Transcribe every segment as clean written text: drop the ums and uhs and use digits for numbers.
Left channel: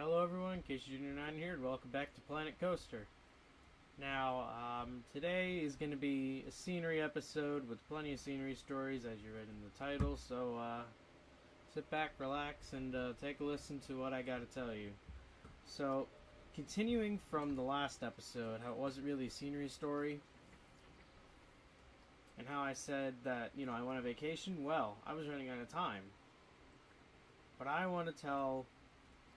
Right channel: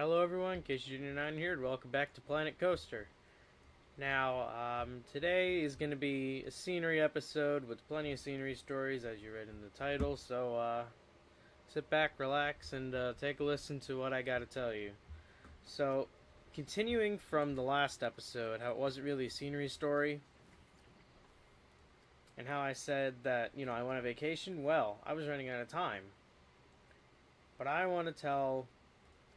Hello everyone, in case you're not here, welcome back to Planet Coaster. Now, today is going to be a scenery episode with plenty of scenery stories, as you read in the title, so sit back, relax, and take a listen to what I got to tell you. So, continuing from the last episode, how it wasn't really a scenery story, and how I said that, I went on vacation, well, I was running out of time. But I want to tell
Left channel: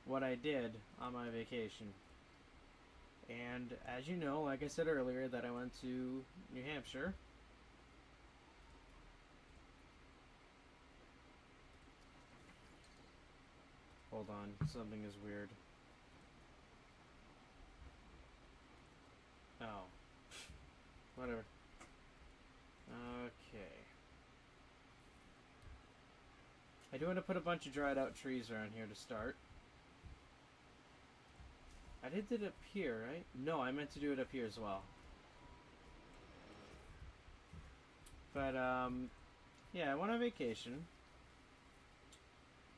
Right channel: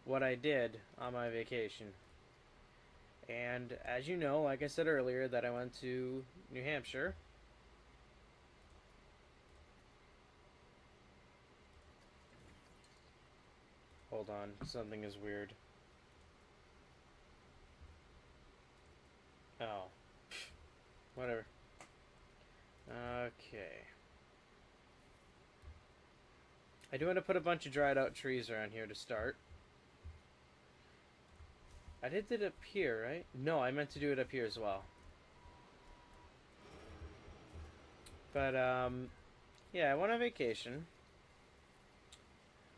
what I did on my vacation. And as you know, like I said earlier, that I went to New Hampshire. Hold on, something is weird. Oh. Whatever. Okay. I do want to put a bunch of dried out trees around here to start. I did it up here, right? No, I meant to do it up here as well. But, yeah, I went on vacation.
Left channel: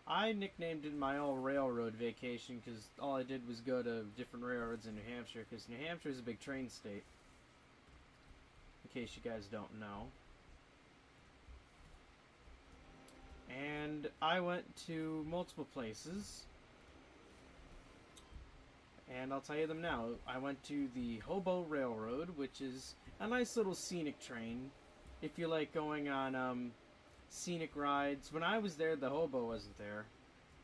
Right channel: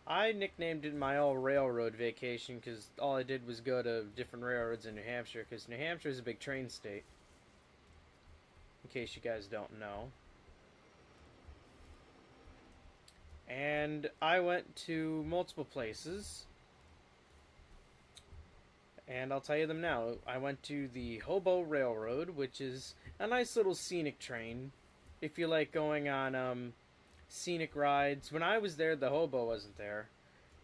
I nicknamed it my all-railroad vacation because all I did was go to different railroads in New Hampshire, because New Hampshire is a big train state, in case you guys don't know. And I went to multiple places. And I'll tell you them now. I went to the Hobo Railroad, which is a nice little scenic train. If you like going on scenic rides. When I was there, the Hobo wasn't there.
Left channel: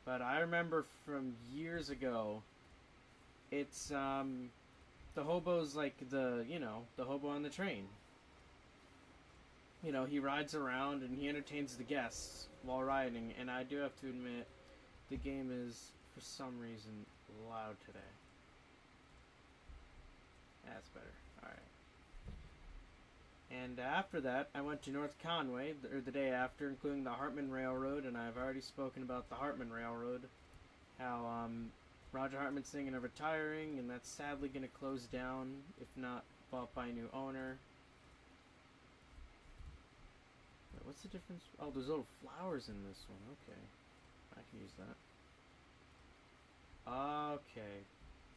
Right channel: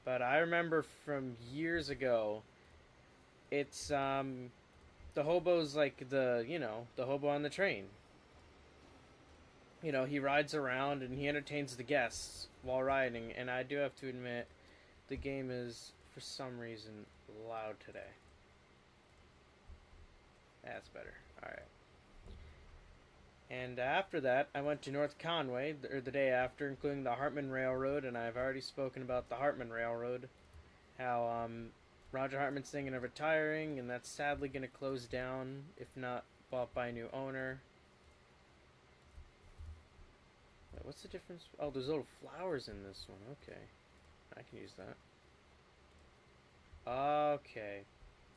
But I remember from years ago, it's, the Hobo's like the Hobo on the train. He rides around and he entertains the guests while riding. And I do have to admit, the game is, for some reason, loud today. That's better. Alright. And after that, I went to North Conway, the day after, including the Hartman Railroad, and I've already spoken about the Hartman Railroad. How, Roger Hartman's thinking of retiring, and that's sadly going to close down, if not bought by a new owner. Wait, what's the difference? Oh, there's little flowers in this one. Okay. I can use that. Okay.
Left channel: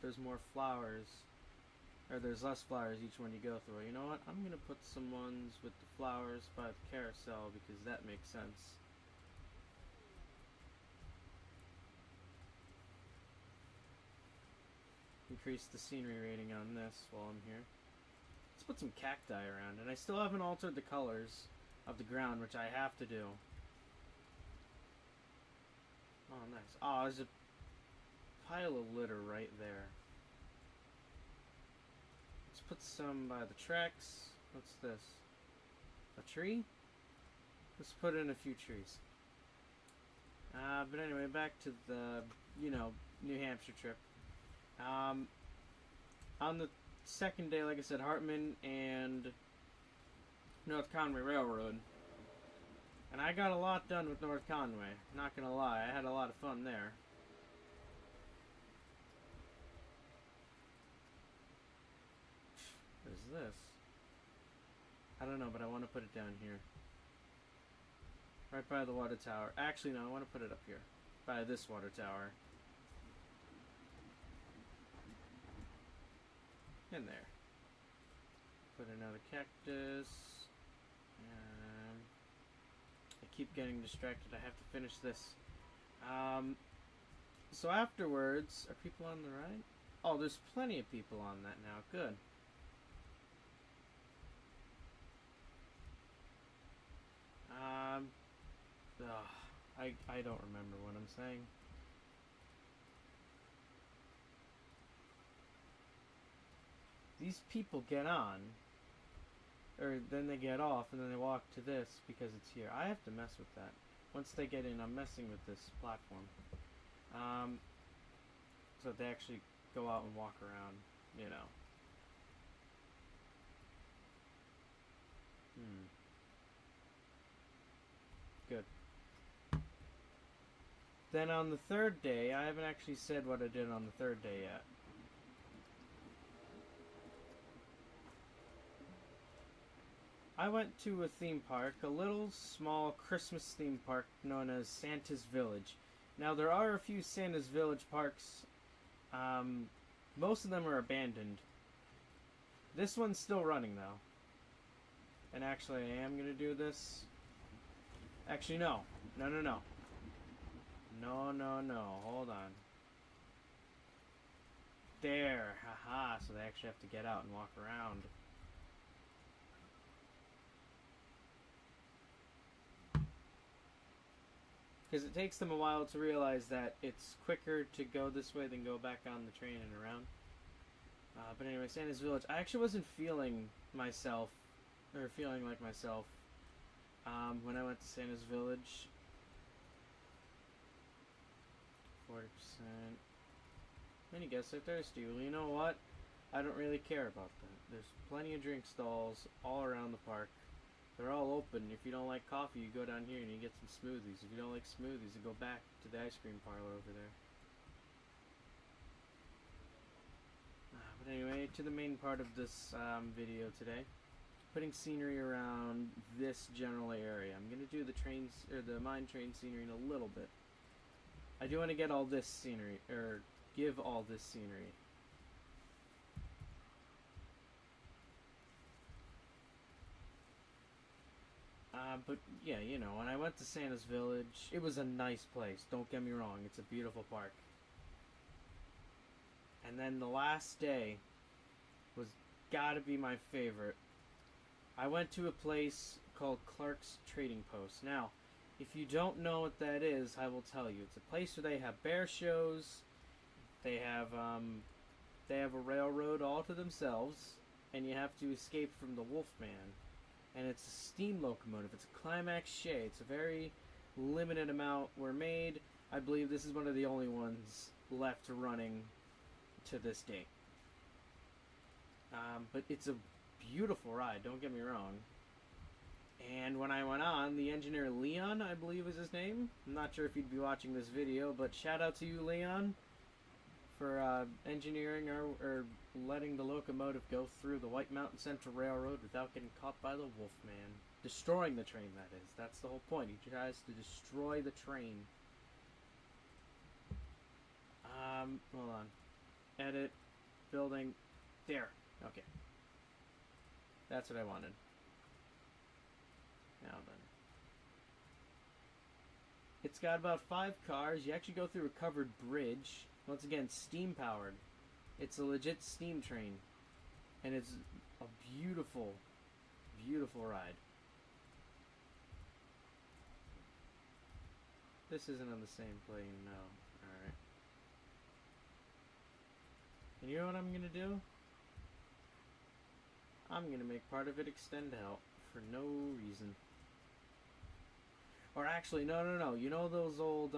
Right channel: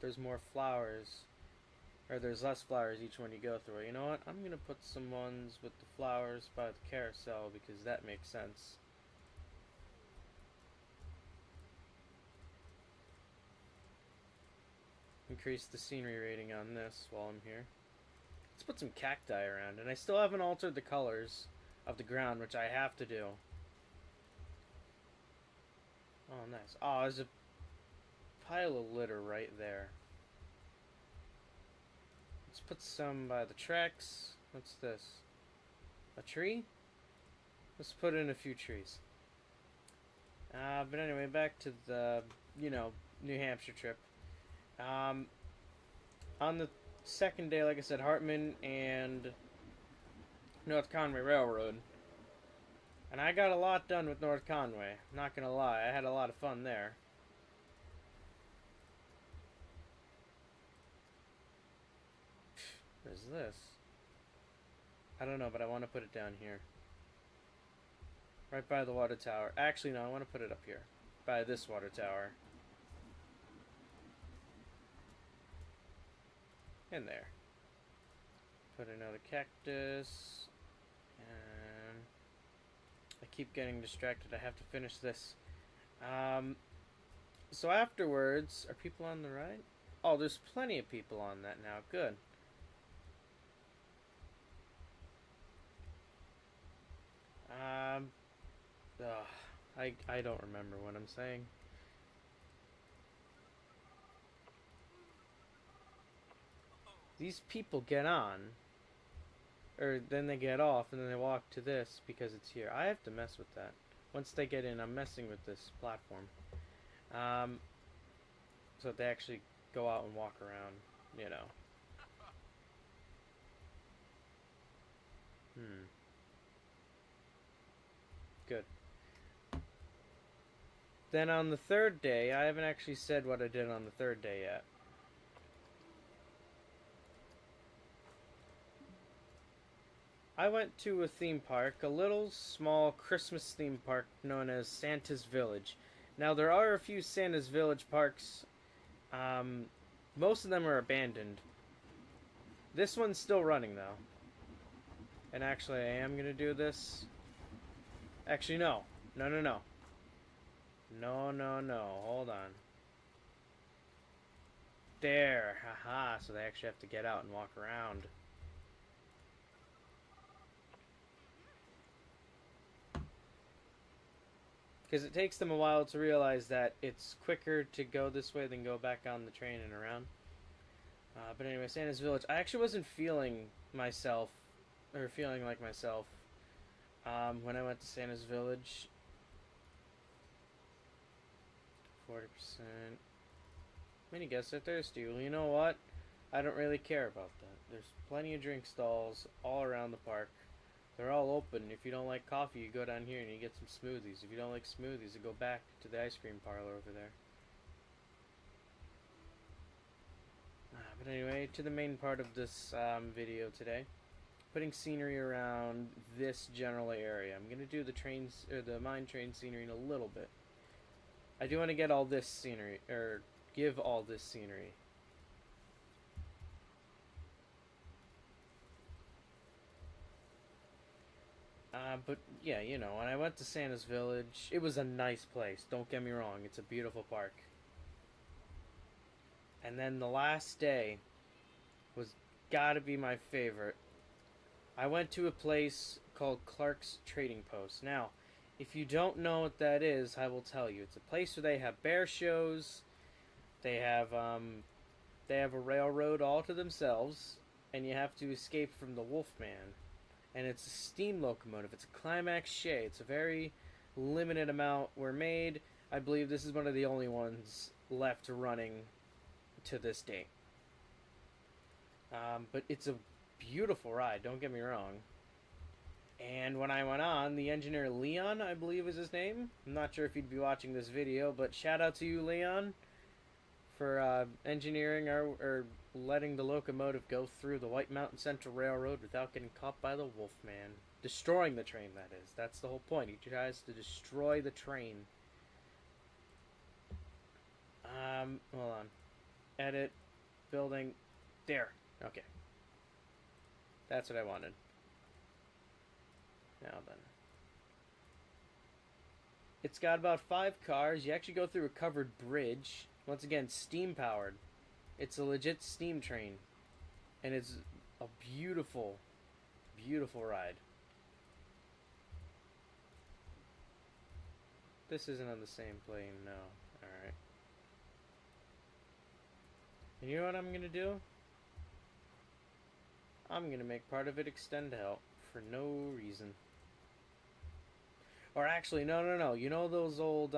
There's more flowers. Or there's less flowers each one you go through. You know what? I'm going to put some ones with the flowers by the carousel because that makes sense. Increase the scenery rating on this while I'm here. Let's put some cacti around. And I still haven't altered the colors of the ground, which I have to do. Oh, nice. Oh, there's a pile of litter right there. Let's put some by the tracks. What's this? A tree? Let's put in a few trees. But anyway, back to the, New Hampshire trip. On the second day, like I said, Hartman and North Conway Railroad. And I got a lot done with North Conway. Not gonna lie, I had a lot of fun there. What is this? I don't know, but I want to put it down here. Right by the water tower. Actually, no, I want to put it up here. By this water tower. In there. Put another cactus. I keep getting distracted. I have to finish this. So afterwards, are people on the right? Oh, there's plenty of people on that now. Good. I don't remember what I'm saying. These people get on, or then they get off, and then they walk to this because it's here. I have to mess with that. Once they get in, I'm messing with this platform. So that they actually go out and walk around, Good. Then on the third day, I haven't actually said what I did on the third day yet. I went to a theme park, a little small Christmas theme park known as Santa's Village. Now, there are a few Santa's Village parks Most of them are abandoned. This one's still running, though. And actually, I am going to do this. Actually, no. No. No. Hold on. There. Haha. So they actually have to get out and walk around. Because it takes them a while to realize that it's quicker to go this way than go back on the train and around. But anyway, Santa's Village. I actually wasn't feeling myself, or feeling like myself, when I went to Santa's Village. 40%. Many guests are thirsty. Well, you know what? I don't really care about that. There's plenty of drink stalls all around the park. They're all open. If you don't like coffee, you go down here and you get some smoothies. If you don't like smoothies, you go back to the ice cream parlor over there. But anyway, to the main part of this video today. Putting scenery around this general area. I'm going to do the trains, or the mine train scenery in a little bit. I do want to get all this scenery, or give all this scenery. But yeah, you know, when I went to Santa's Village, it was a nice place. Don't get me wrong, it's a beautiful park. And then the last day was gotta be my favorite. I went to a place called Clark's Trading Post. Now, if you don't know what that is, I will tell you. It's a place where they have bear shows. They have a railroad all to themselves, and you have to escape from the Wolfman. And it's a steam locomotive. It's a Climax Shay. It's a very limited amount were made. I believe this is one of the only ones left running to this day. But it's a beautiful ride, don't get me wrong. And when I went on, the engineer Leon, I believe is his name. I'm not sure if he'd be watching this video, but shout out to you, Leon, for engineering or letting the locomotive go through the White Mountain Central Railroad without getting caught by the Wolfman. Destroying the train, that is. That's the whole point. He tries to destroy the train. Hold on. Edit. Building. There. Okay. That's what I wanted. Now then. It's got about 5 cars. You actually go through a covered bridge. Once again, steam powered. It's a legit steam train. And it's a beautiful, beautiful ride. This isn't on the same plane, no. Alright. And you know what I'm gonna do? I'm gonna make part of it extend out for no reason. Or actually, no. You know those old,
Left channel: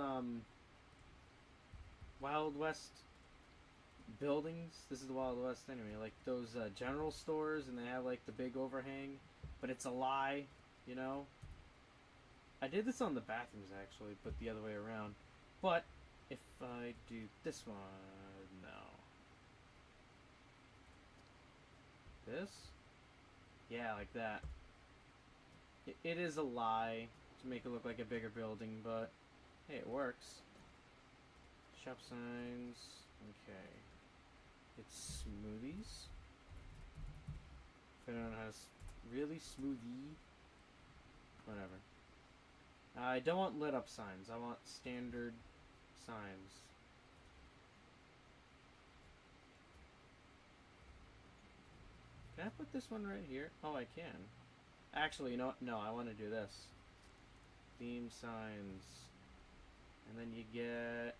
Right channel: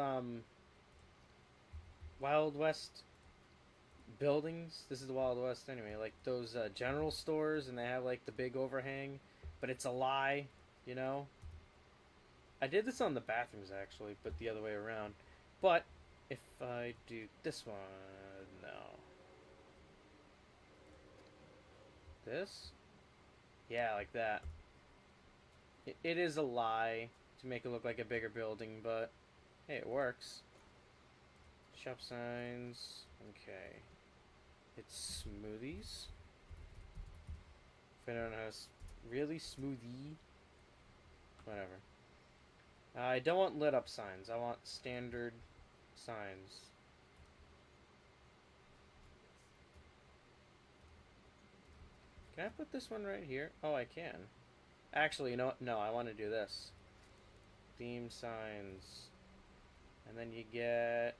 Wild West buildings? This is the Wild West anyway. Like those general stores, and they have like the big overhang, but it's a lie, you know? I did this on the bathrooms actually, but the other way around. But if I do this one, no. This? Yeah, like that. It is a lie to make it look like a bigger building, but hey, it works. Shop signs. Okay. It's smoothies. If I don't know how to really smoothie. Whatever. I don't want lit up signs. I want standard signs. Can I put this one right here? Oh, I can. Actually, you know what? No, I want to do this. Theme signs. And then you get...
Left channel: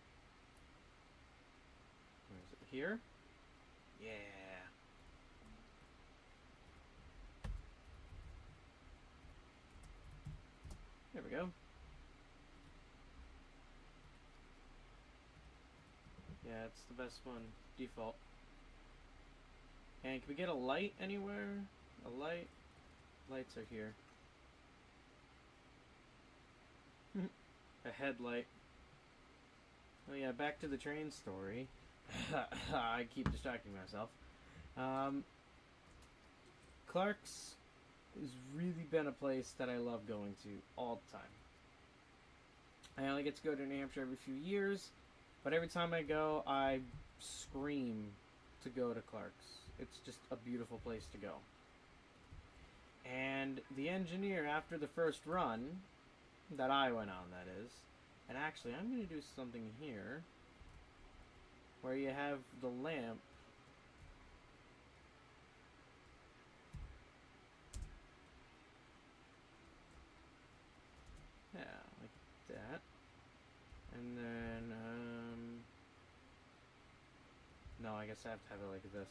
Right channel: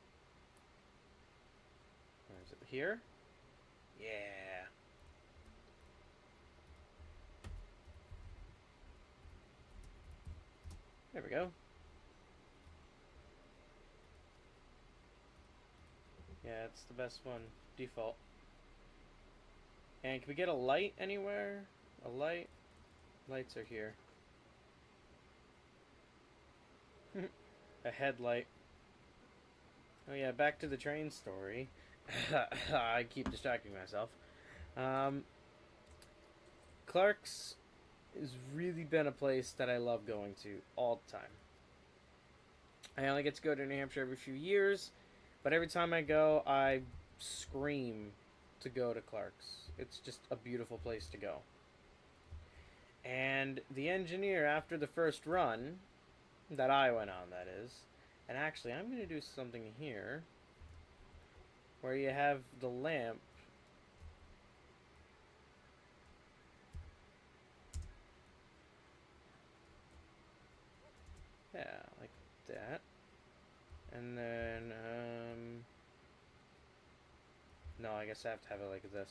Where is it? Here? Yeah. There we go. Yeah, it's the best one. Default. And can we get a light anywhere? A light? Lights are here. A headlight. Oh yeah, back to the train story. I keep distracting myself. Clark's has really been a place that I love going to all the time. I only get to go to New Hampshire every few years, but every time I go, I scream to go to Clark's. It's just a beautiful place to go. And the engineer, after the first run, that I went on, that is, and actually I'm going to do something here, where you have the lamp. Yeah, like that. And then, no, I guess I have to have it like this.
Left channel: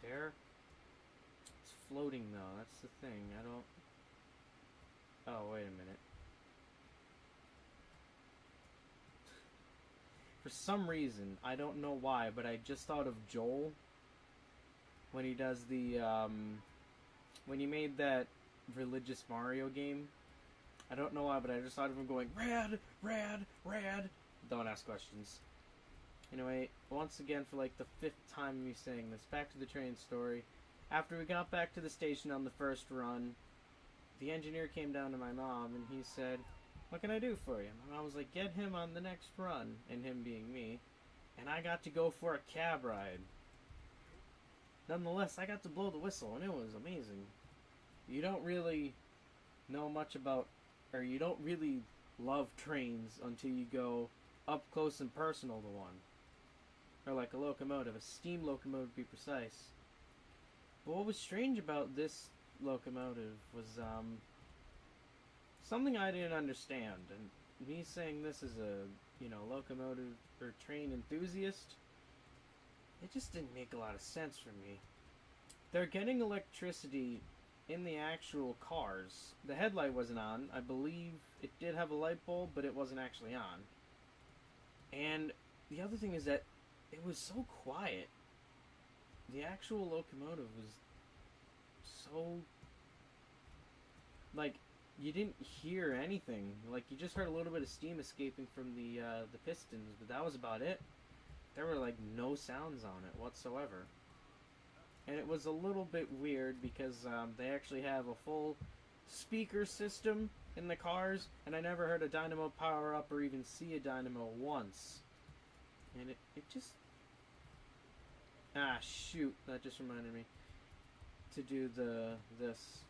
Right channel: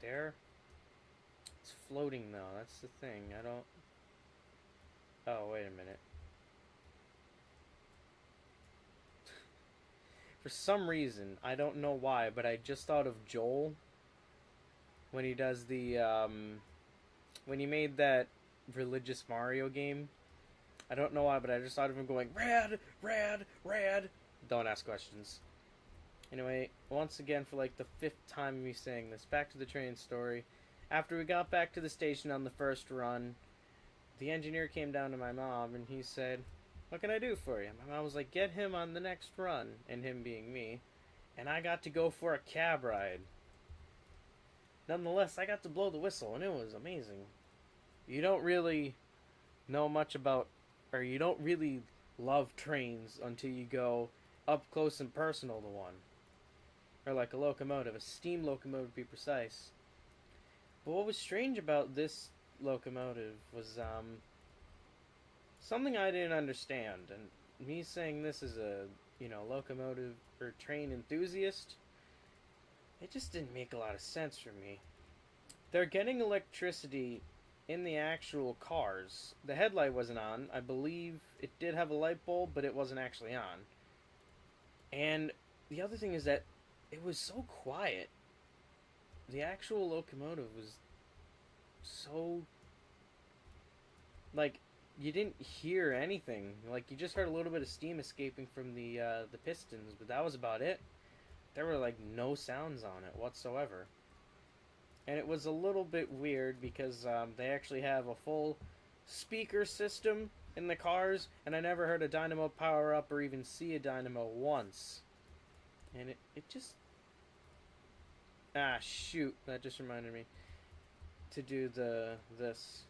There. It's floating though, that's the thing. I don't... Oh, wait a minute. For some reason, I don't know why, but I just thought of Joel when he does the, when he made that religious Mario game. I don't know why, but I just thought of him going, rad, rad, rad. Don't ask questions. Anyway, once again, for like the 5th time me saying this, back to the train story. After we got back to the station on the first run, the engineer came down to my mom and he said, what can I do for you? My mom was like, get him on the next run, and him being me, and I got to go for a cab ride. Nonetheless, I got to blow the whistle, and it was amazing. You don't really know much about, or you don't really love trains until you go up close and personal to one. Or like a locomotive, a steam locomotive to be precise. But what was strange about this locomotive was something I didn't understand. And me saying this as a, locomotive or train enthusiast, it just didn't make a lot of sense for me. They're getting electricity in the actual cars. The headlight wasn't on. I believe it did have a light bulb, but it wasn't actually on. And the other thing is that it was so quiet. The actual locomotive was so... like, you didn't hear anything. Like, you just heard a little bit of steam escaping from the pistons, but that was about it. There were, like, no sounds on it whatsoever. And it was a little bit weird because they actually have a full speaker system in the cars, and I never heard a dynamo power up or even see a dynamo once. And it just... Ah, shoot. That just reminded me to do this.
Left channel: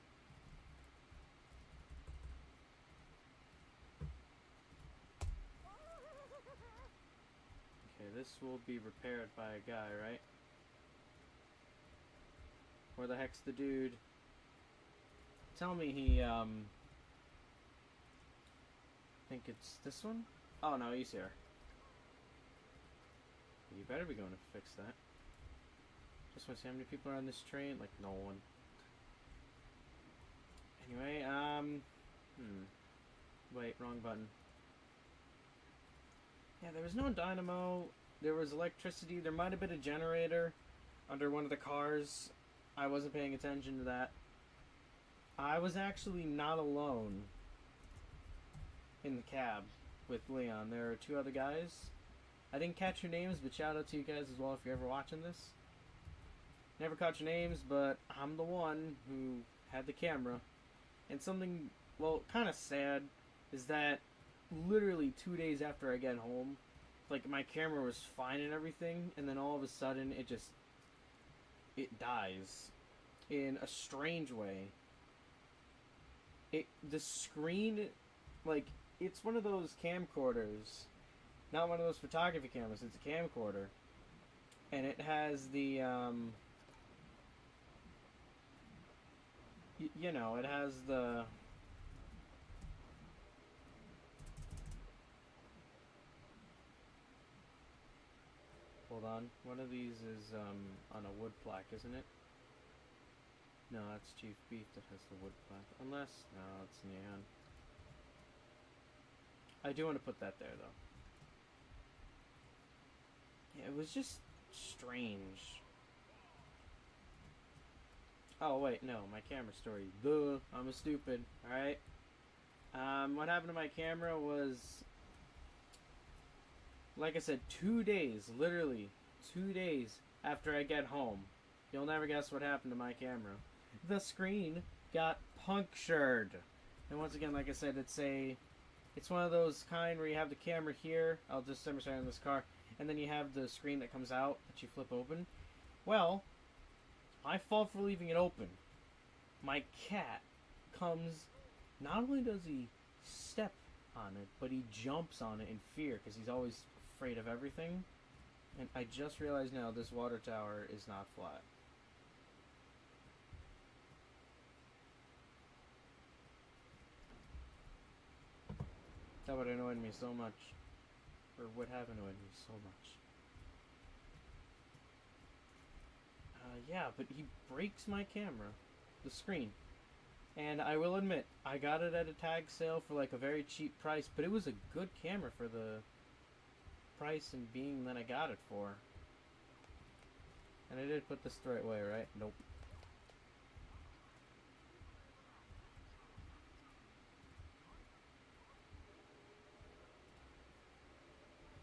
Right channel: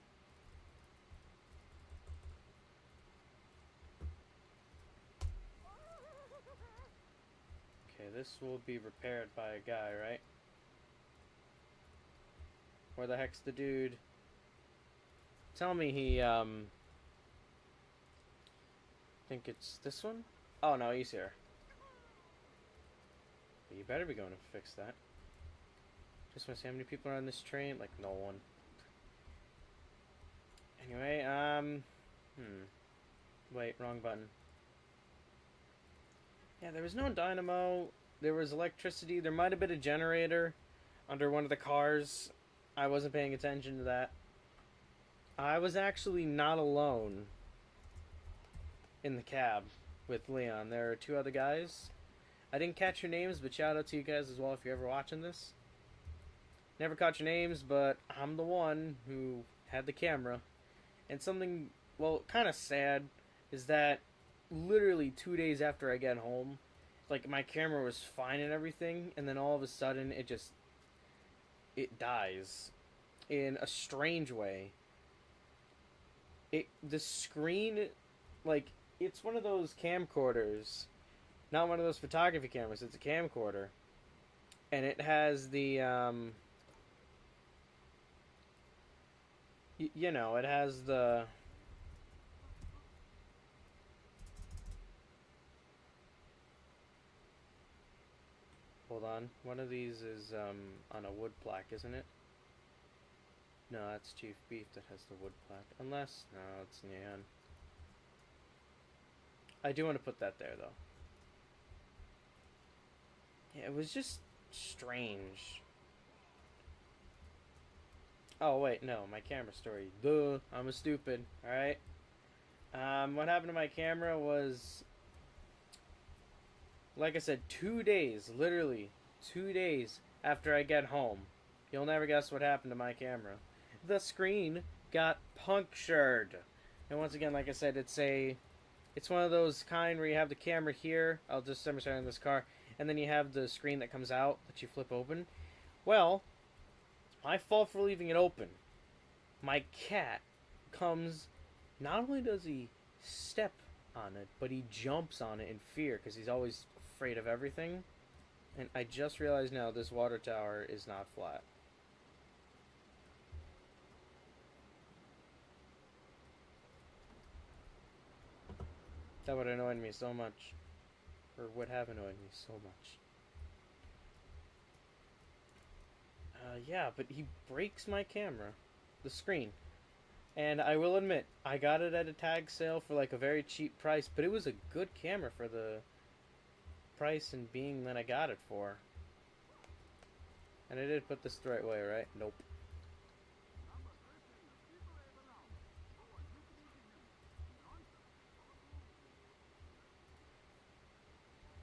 Okay, this will be repaired by a guy, right? Where the heck's the dude? Tell me he, I think it's this one? Oh, no, he's here. You better be going to fix that. Just want to see how many people are on this train. Like, no one. Anyway, wait, wrong button. Yeah, there was no dynamo. There was electricity. There might have been a generator under one of the cars. I wasn't paying attention to that. I was actually not alone in the cab with Leon. There are 2 other guys. I didn't catch your names, but shout out to you guys as well if you're ever watching this. Never caught your names, but I'm the one who had the camera. And something, well, kind of sad is that literally 2 days after I get home, like, my camera was fine and everything, and then all of a sudden it dies in a strange way. The screen, like, it's one of those camcorders, not one of those photography cameras, it's a camcorder, and it has the, it has the, hold on, one of these is, on a wood plaque, isn't it? No, that's Chief Beef that has the wood plaque. Unless, no, it's neon. I do want to put that there, though. Yeah, it was just strange. Oh, wait, no, my camera story. Duh, I'm a stupid, alright? What happened to my camera was, like I said, 2 days, literally 2 days after I get home. You'll never guess what happened to my camera. The screen got punctured. And once again, like I said, it's It's one of those kind where you have the camera here. I'll just demonstrate in this car. And then you have the screen that comes out that you flip open. Well, it's my fault for leaving it open. My cat comes, not only does he step on it, but he jumps on it in fear because he's always afraid of everything. And I just realized now this water tower is not flat. That would have annoyed me so much. Or would have annoyed me so much. Yeah, but he breaks my camera. The screen. And I will admit, I got it at a tag sale for like a very cheap price, but it was a good camera for the price and being that I got it for. And I did put this the right way, right? Nope.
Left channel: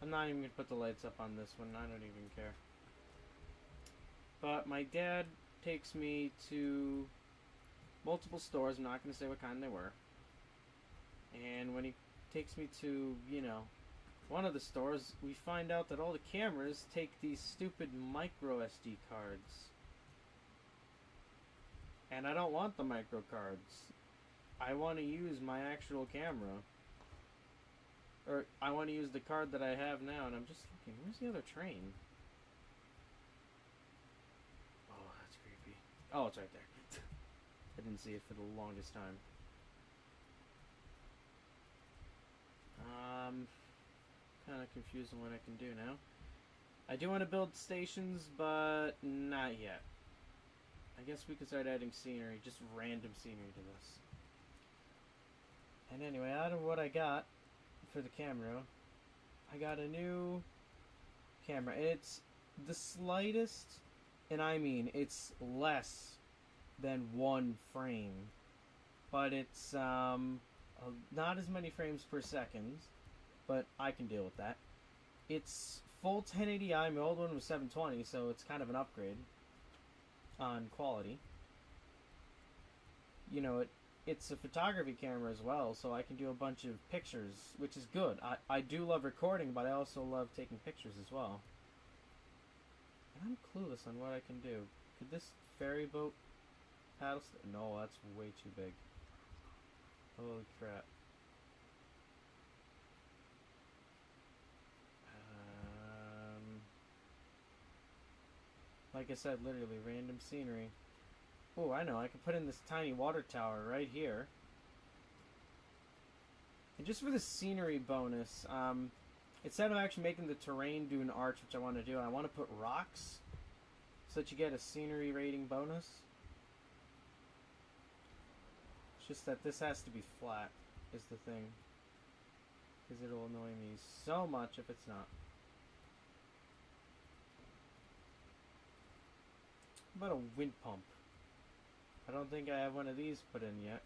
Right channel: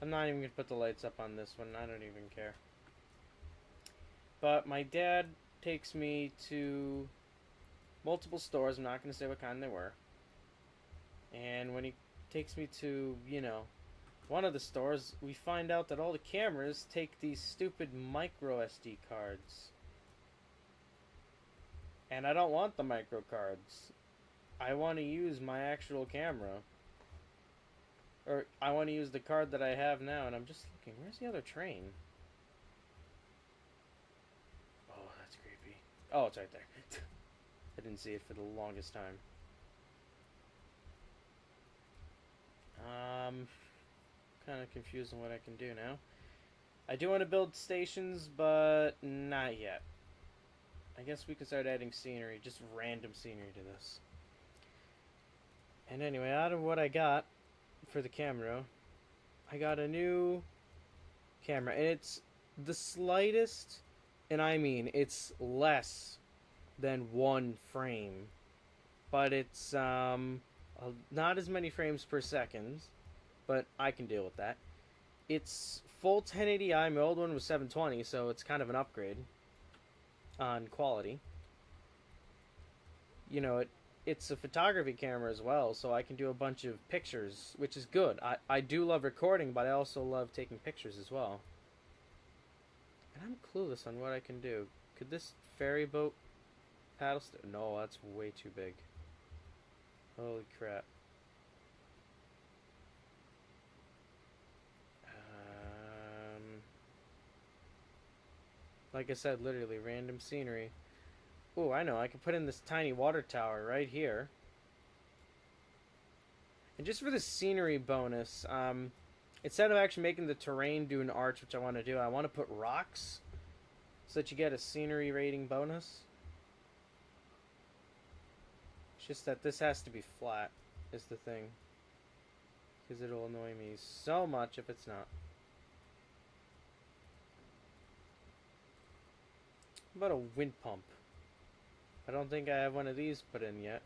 I'm not even going to put the lights up on this one. I don't even care. But my dad takes me to multiple stores. I'm not going to say what kind they were. And when he takes me to, you know, one of the stores, we find out that all the cameras take these stupid micro SD cards. And I don't want the micro cards. I want to use my actual camera. Or I want to use the card that I have now, and I'm just looking. Where's the other train? Oh, that's creepy. Oh, it's right there. I didn't see it for the longest time. Kind of confused on what I can do now. I do want to build stations, but not yet. I guess we could start adding scenery, just random scenery to this. And anyway, out of what I got for the camera, I got a new camera, and it's the slightest, and I mean it's less than 1 frame, but it's not as many frames per second, but I can deal with that. It's full 1080i. My old one was 720, so it's kind of an upgrade on quality. You know, it's a photography camera as well, so I can do a bunch of pictures, which is good. I do love recording, but I also love taking pictures as well. And I'm clueless on what I can do. Could this ferry boat paddle? No, that's way too big. Holy crap. Like I said, literally random scenery. Ooh, I know. I could put in this tiny water tower right here. And just for the scenery bonus, instead of actually making the terrain do an arch, which I want to do, I want to put rocks so that you get a scenery rating bonus. It's just that this has to be flat, is the thing. Because it'll annoy me so much if it's not. What about a wind pump? I don't think I have one of these put in yet.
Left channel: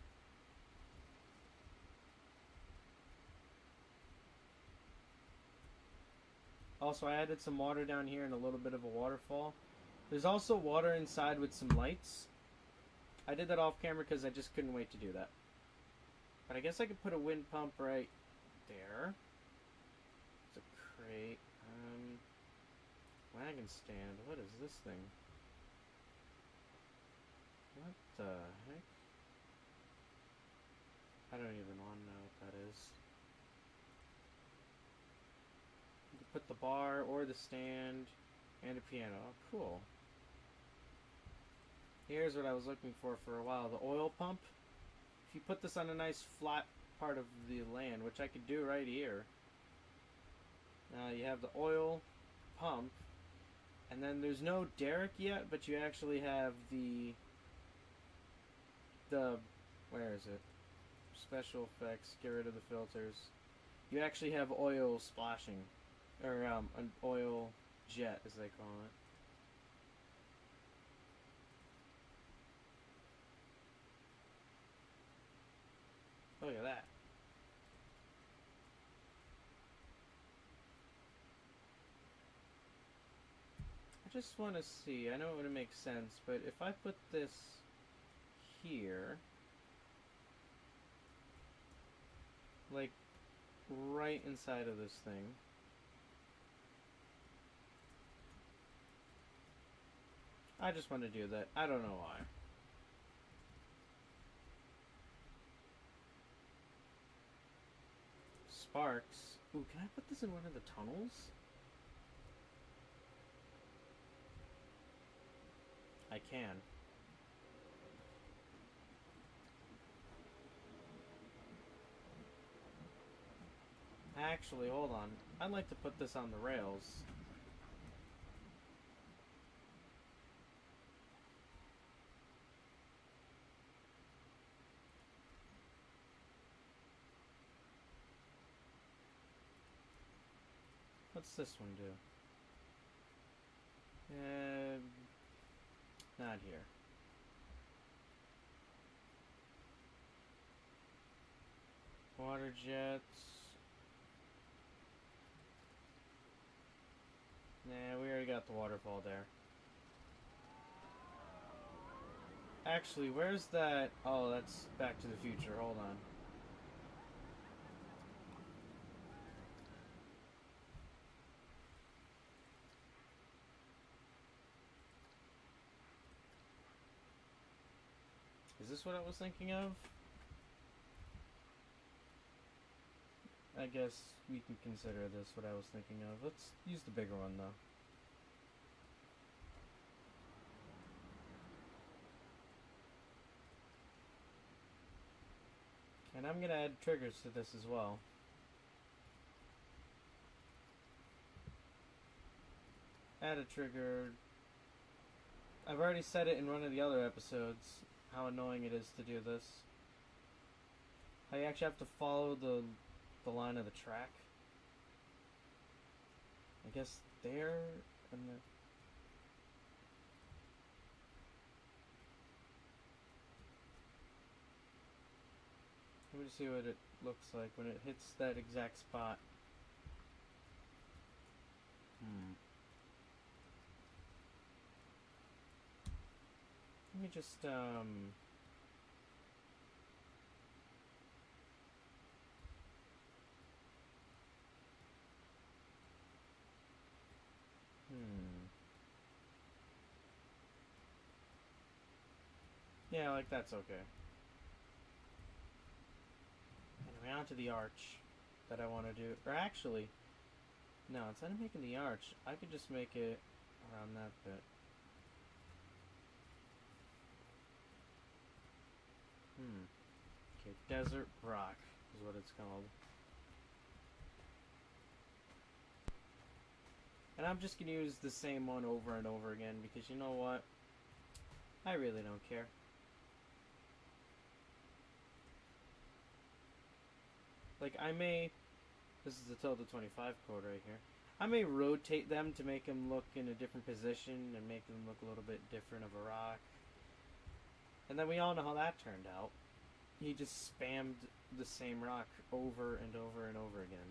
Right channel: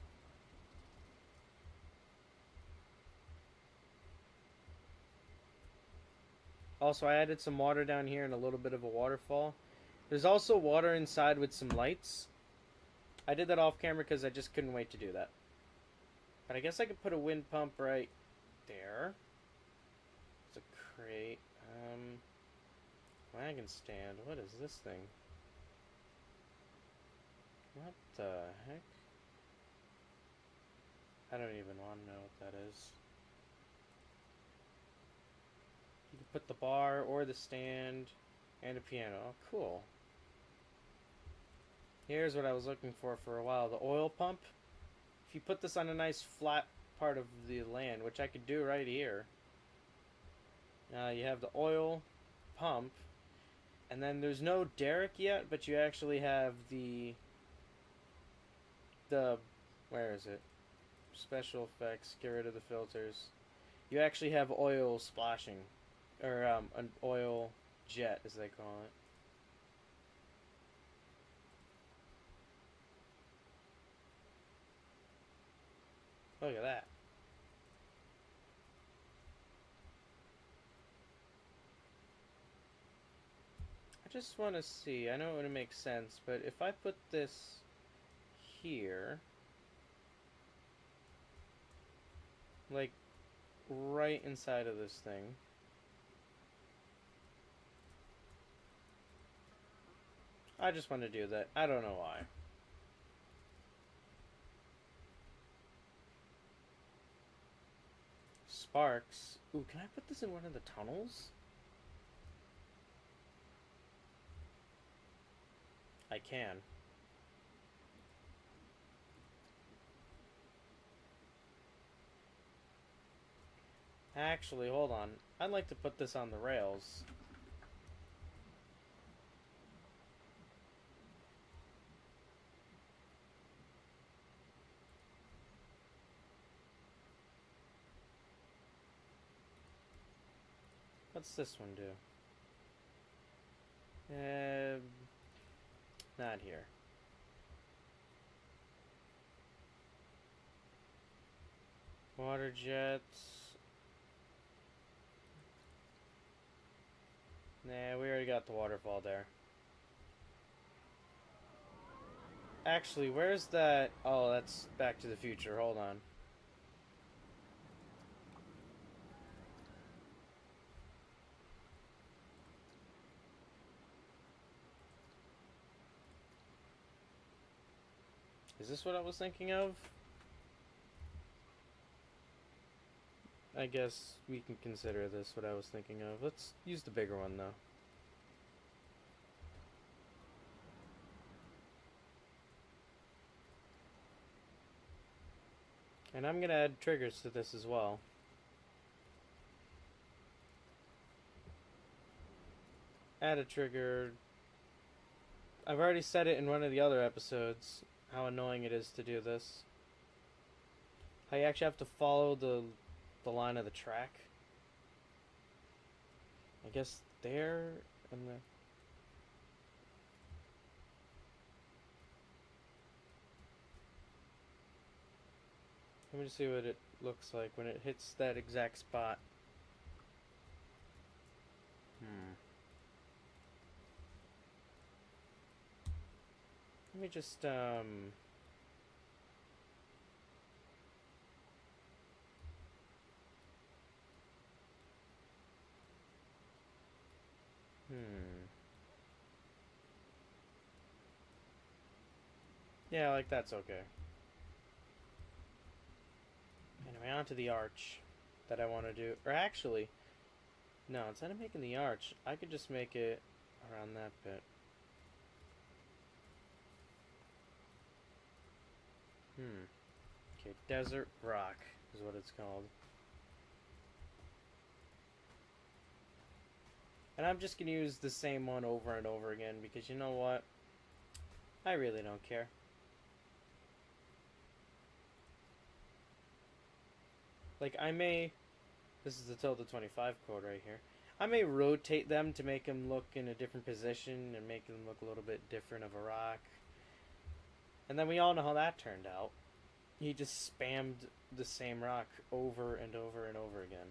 Also, I added some water down here and a little bit of a waterfall. There's also water inside with some lights. I did that off camera because I just couldn't wait to do that. But I guess I could put a wind pump right there. It's a crate. Wagon stand. What is this thing? What the heck? I don't even want to know what that is. You can put the bar or the stand and a piano. Oh, cool. Here's what I was looking for a while. The oil pump. If you put this on a nice flat part of the land, which I could do right here. Now you have the oil pump. And then there's no derrick yet, but you actually have the where is it? Special effects, get rid of the filters. You actually have oil splashing, or an oil jet, as they call it. Look at that. I just want to see, I know it would make sense, but if I put this here, like right inside of this thing. I just want to do that. I don't know why. Sparks. Ooh, can I put this in one of the tunnels? I can. Actually, hold on. I'd like to put this on the rails. What's this one do? Not here. Water jets. Nah, we already got the waterfall there. Actually, where's that? Oh, that's Back to the Future. Hold on. Is this what I was thinking of? I guess we can consider this what I was thinking of. Let's use the bigger one, though. And I'm going to add triggers to this as well. Add a trigger. I've already said it in one of the other episodes, how annoying it is to do this. How you actually have to follow the line of the track. I guess there and the... Let me just see what it looks like when it hits that exact spot. Let me just, Yeah, like that's okay. Anyway, on to the arch that I want to do. Or actually, no, instead of making the arch, I could just make it around that bit. Okay, Desert Rock is what it's called. And I'm just going to use the same one over and over again because you know what? I really don't care. Like, I may... This is the Tilda 25 code right here. I may rotate them to make them look in a different position and make them look a little bit different of a rock. And then we all know how that turned out. He just spammed the same rock over and over and over again.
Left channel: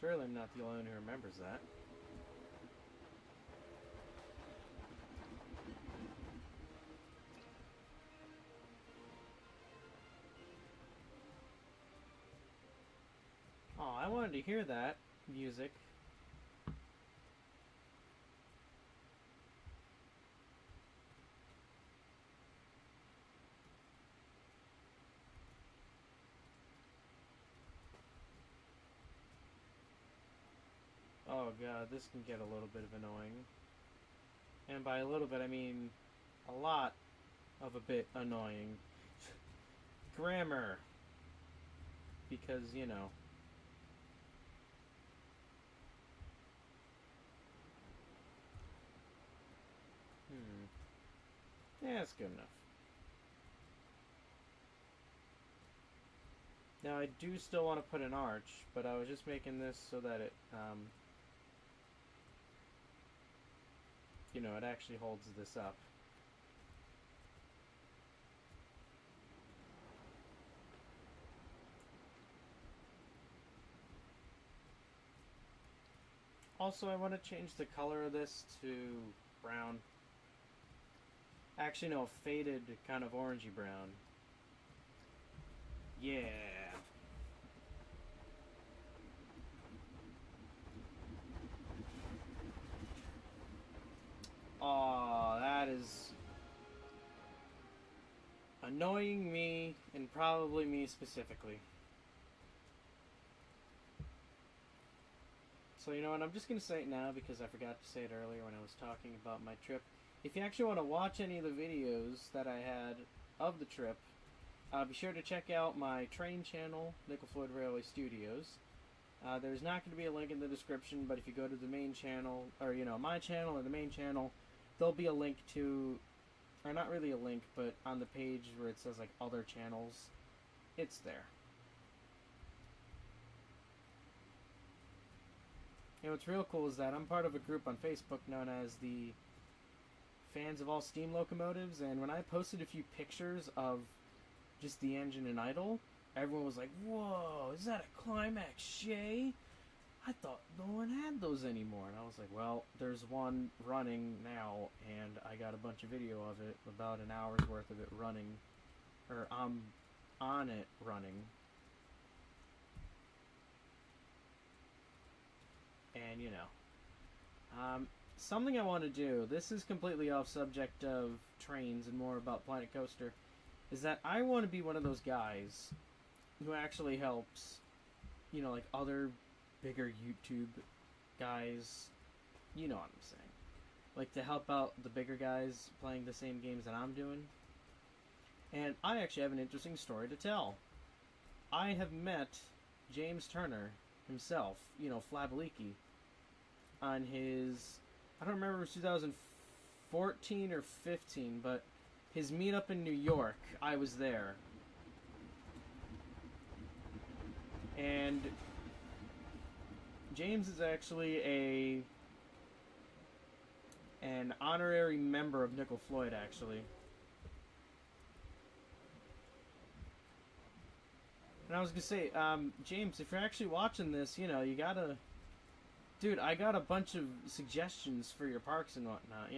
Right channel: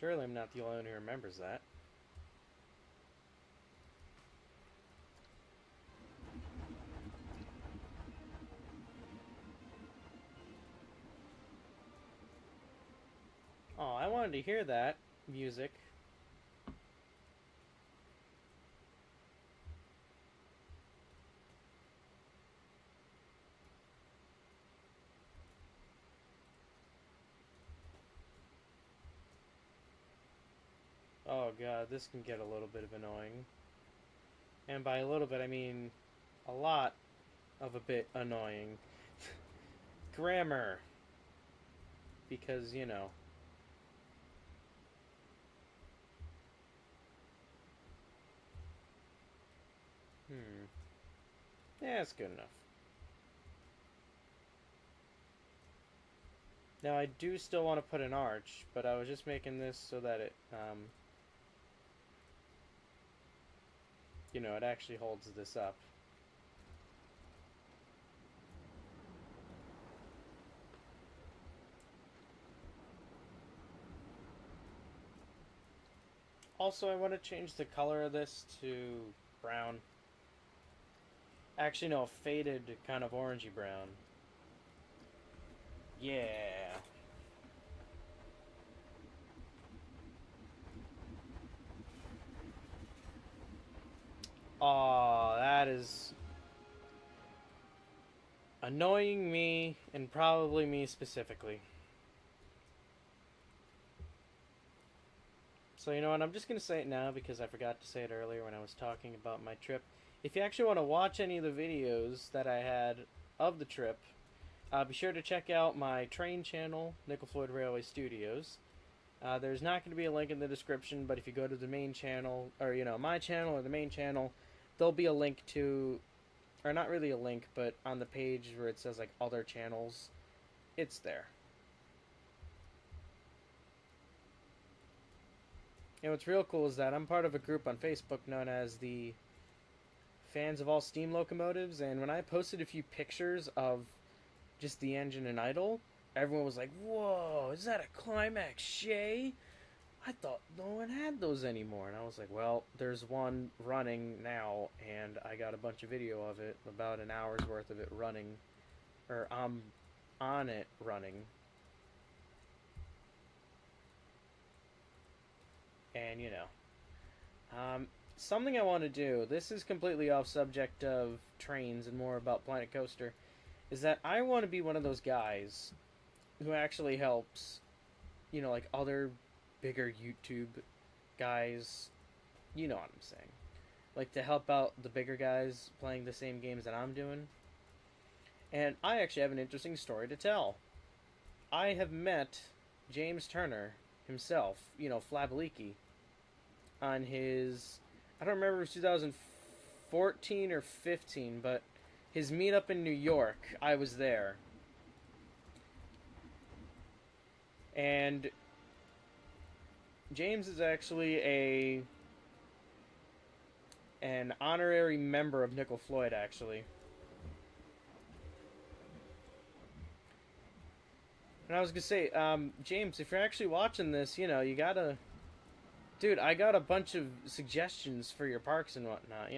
Surely I'm not the only one who remembers that. Oh, I wanted to hear that music. Oh god, this can get a little bit of annoying. And by a little bit, I mean a lot of a bit annoying. Grammar. Because, you know. Yeah, it's good enough. Now, I do still want to put an arch, but I was just making this so that it, you know, it actually holds this up. Also, I want to change the color of this to brown. Actually, no, faded kind of orangey brown. Yeah. Oh, that is annoying me, and probably me specifically. So you know what, I'm just going to say it now because I forgot to say it earlier when I was talking about my trip. If you actually want to watch any of the videos that I had of the trip, be sure to check out my train channel, Nickel Floyd Railway Studios. There's not going to be a link in the description, but if you go to the main channel, or my channel or the main channel, there'll be a link to, or not really a link, but on the page where it says like other channels, it's there. You know, what's real cool is that I'm part of a group on Facebook known as the Fans of All Steam Locomotives, and when I posted a few pictures of just the engine and idle, everyone was like, "Whoa, is that a Climax Shay? I thought no one had those anymore." And I was like, well, there's one running now, and I got a bunch of video of it, about an hour's worth of it running, or on it running. And, something I want to do, this is completely off subject of trains and more about Planet Coaster, is that I want to be one of those guys who actually helps, like other bigger YouTube guys, you know what I'm saying. Like to help out the bigger guys playing the same games that I'm doing. And I actually have an interesting story to tell. I have met James Turner himself, Flabaliki, on his, I don't remember if it was 2014 or 15, but his meetup in New York, I was there. And James is actually an honorary member of Nickel Floyd, actually. And I was gonna say, James, if you're actually watching this, you gotta... Dude, I got a bunch of suggestions for your parks and whatnot,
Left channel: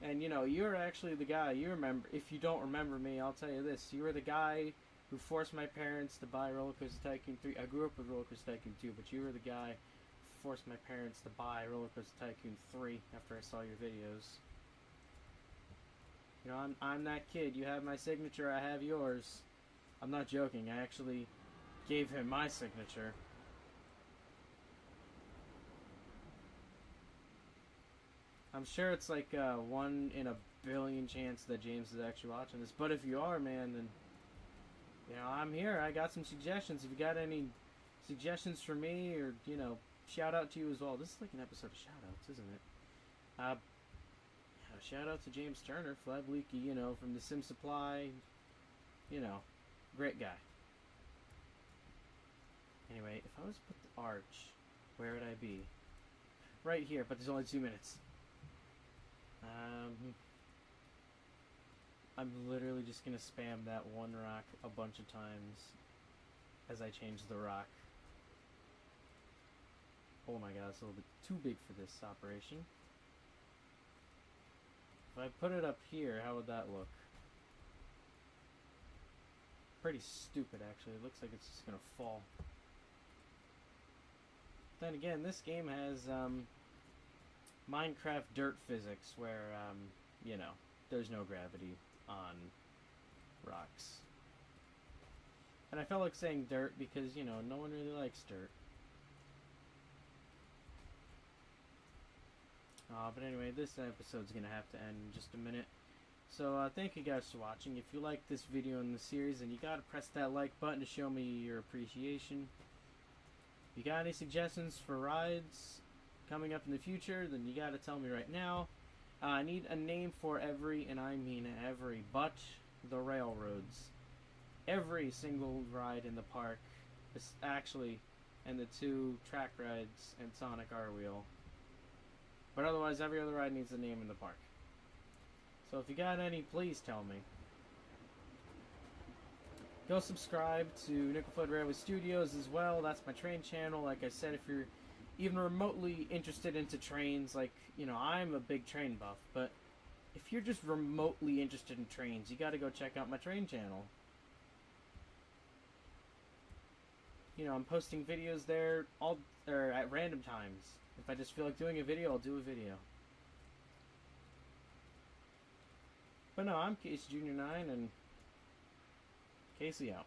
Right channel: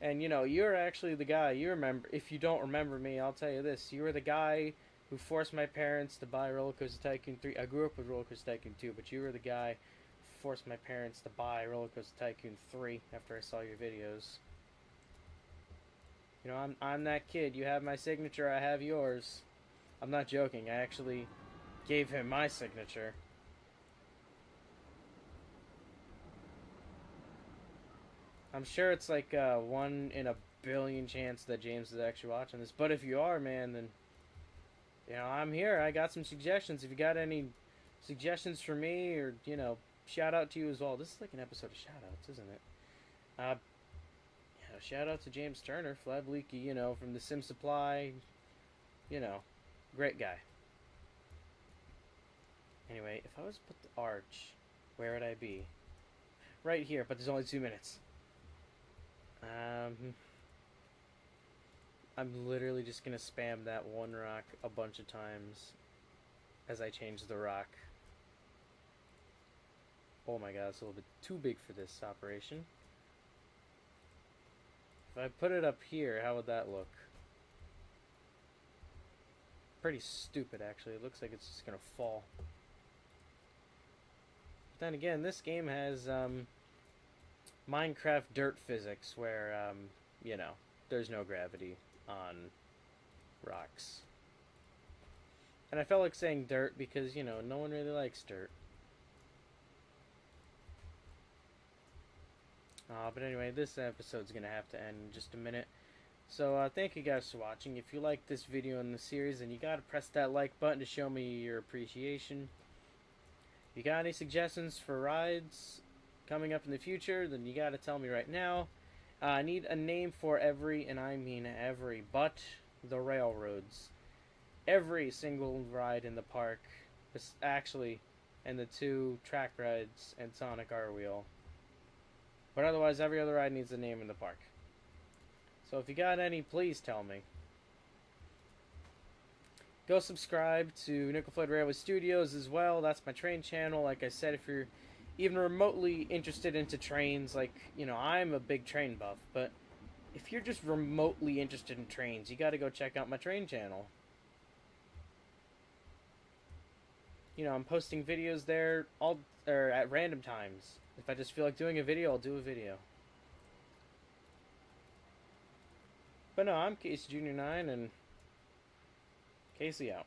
And, you're actually the guy, you remember, if you don't remember me, I'll tell you this, you were the guy who forced my parents to buy Roller Coaster Tycoon 3. I grew up with Roller Coaster Tycoon 2, but you were the guy who forced my parents to buy Roller Coaster Tycoon 3 after I saw your videos. I'm that kid. You have my signature, I have yours. I'm not joking, I actually gave him my signature. I'm sure it's like 1 in a billion chance that James is actually watching this. But if you are, man, then I'm here. I got some suggestions. If you got any suggestions for me, or shout out to you as well. This is like an episode of shout outs, isn't it? Shout out to James Turner, Flabaliki, from the Sim Supply. Great guy. Anyway, if I was to put the arch, where would I be? Right here, but there's only 2 minutes. I'm literally just gonna spam that one rock a bunch of times as I change the rock. Oh my god, it's a little bit too big for this operation. If I put it up here, how would that look? Pretty stupid, actually. It looks like it's just gonna fall. Then again, this game has Minecraft dirt physics where, there's no gravity on rocks. And I felt like saying dirt because, no one really likes dirt. But anyway, this episode's gonna have to end in just a minute. So, thank you guys for watching. If you like this video in the series, then you gotta press that like button to show me your appreciation. If you got any suggestions for rides coming up in the future, then you gotta tell me right now. I need a name for every, and I mean every, but the railroads. Every single ride in the park, actually, and the 2 track rides and Sonic R Wheel. But otherwise, every other ride needs a name in the park. So if you got any, please tell me. Go subscribe to Nickel Floyd Railway Studios as well. That's my train channel. Like I said, if you're even remotely interested into trains, like, I'm a big train buff, but if you're just remotely interested in trains, you got to go check out my train channel. You know, I'm posting videos there at random times. If I just feel like doing a video, I'll do a video. But no, I'm Casey Junior 9, and Casey out.